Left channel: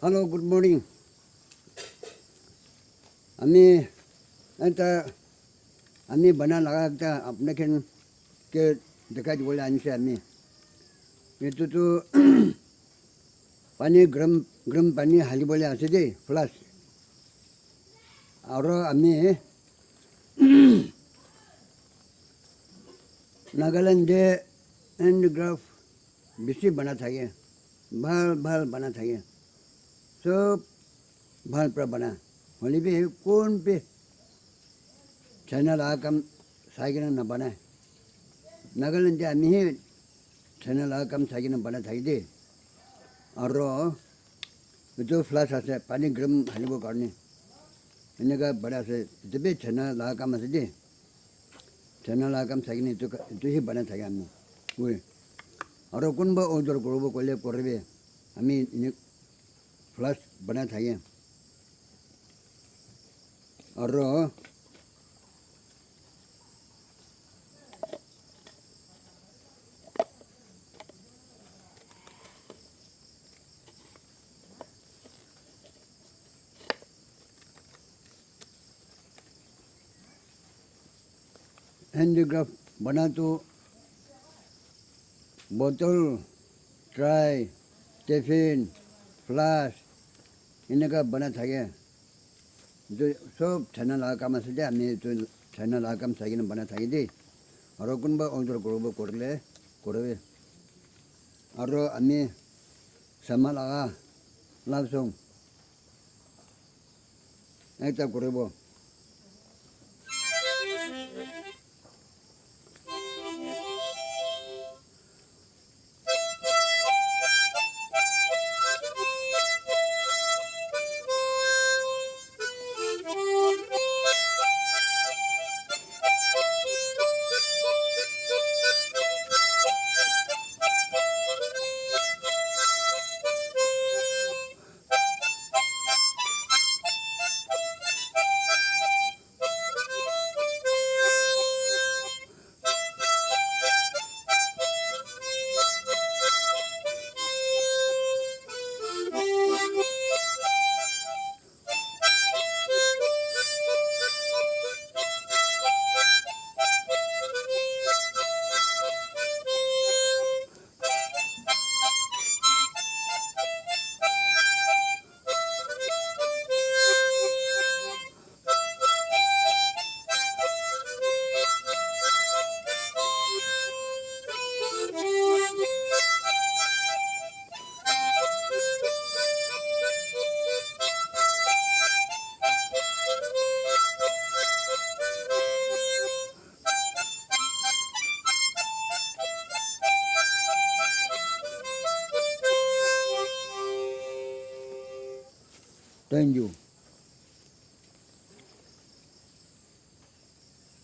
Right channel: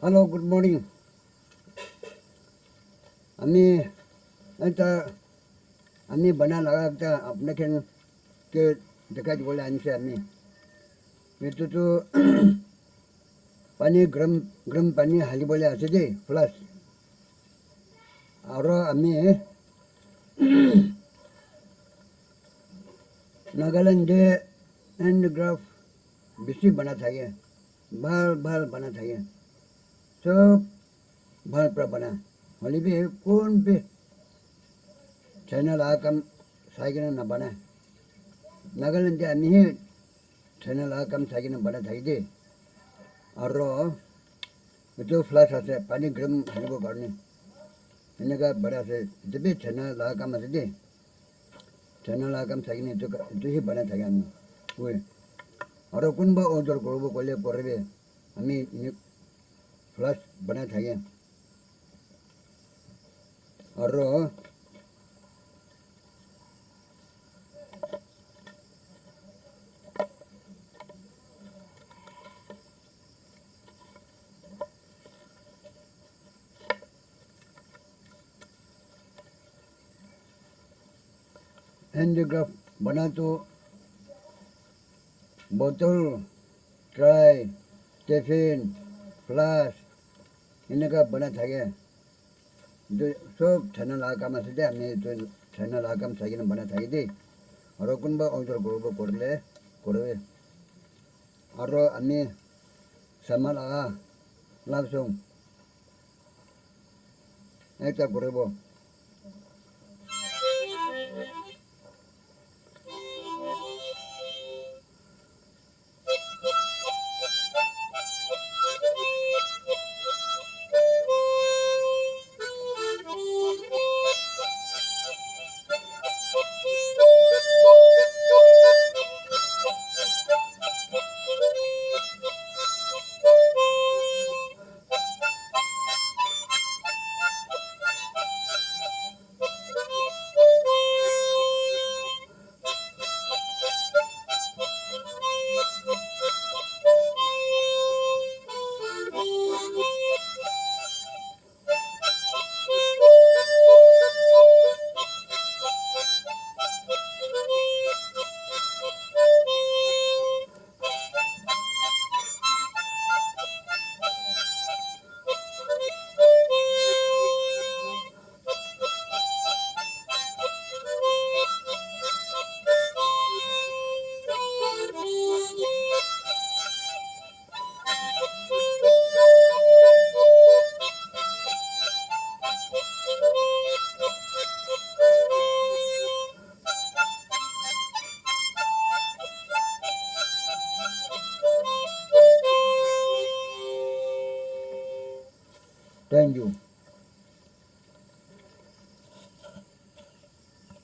Hello, good morning. Ami, anta, ami bana laga ta apne ken ke dekaj boleh anse ami. Itu tu pani gram pani hali boleh ase de plus. Aro ami Nagaland de handicraft bisi bana thage, bhal bana thage. सब भर पर बना होली भी कौन पे channel आकम cycle न बना नगलन जे आमी चैनल आकम साइकिल न बना थाई दे और जो फ्लैश आसे पानी गरम हनीबो करने इनका बड़ा से जब भी चैनल आकम आसे दे चैनल आकम साइकिल तो ही बना थाई आमी वो और कौन बा ऑर्डर करो कोले पड़े आमी फ्लैश बना थाई और हैंडीक्राफ्ट बना तो बोतल ट्राई टिफिन फ्लास इनका बना था जो सब चैनल आकाम से दे हमें तो चैनल आकाम से बना था दे और कौन बा ऑर्डर करो करले करवे और हमें सामान लगा लाभ सोंग ऐसा करेबो Thank you.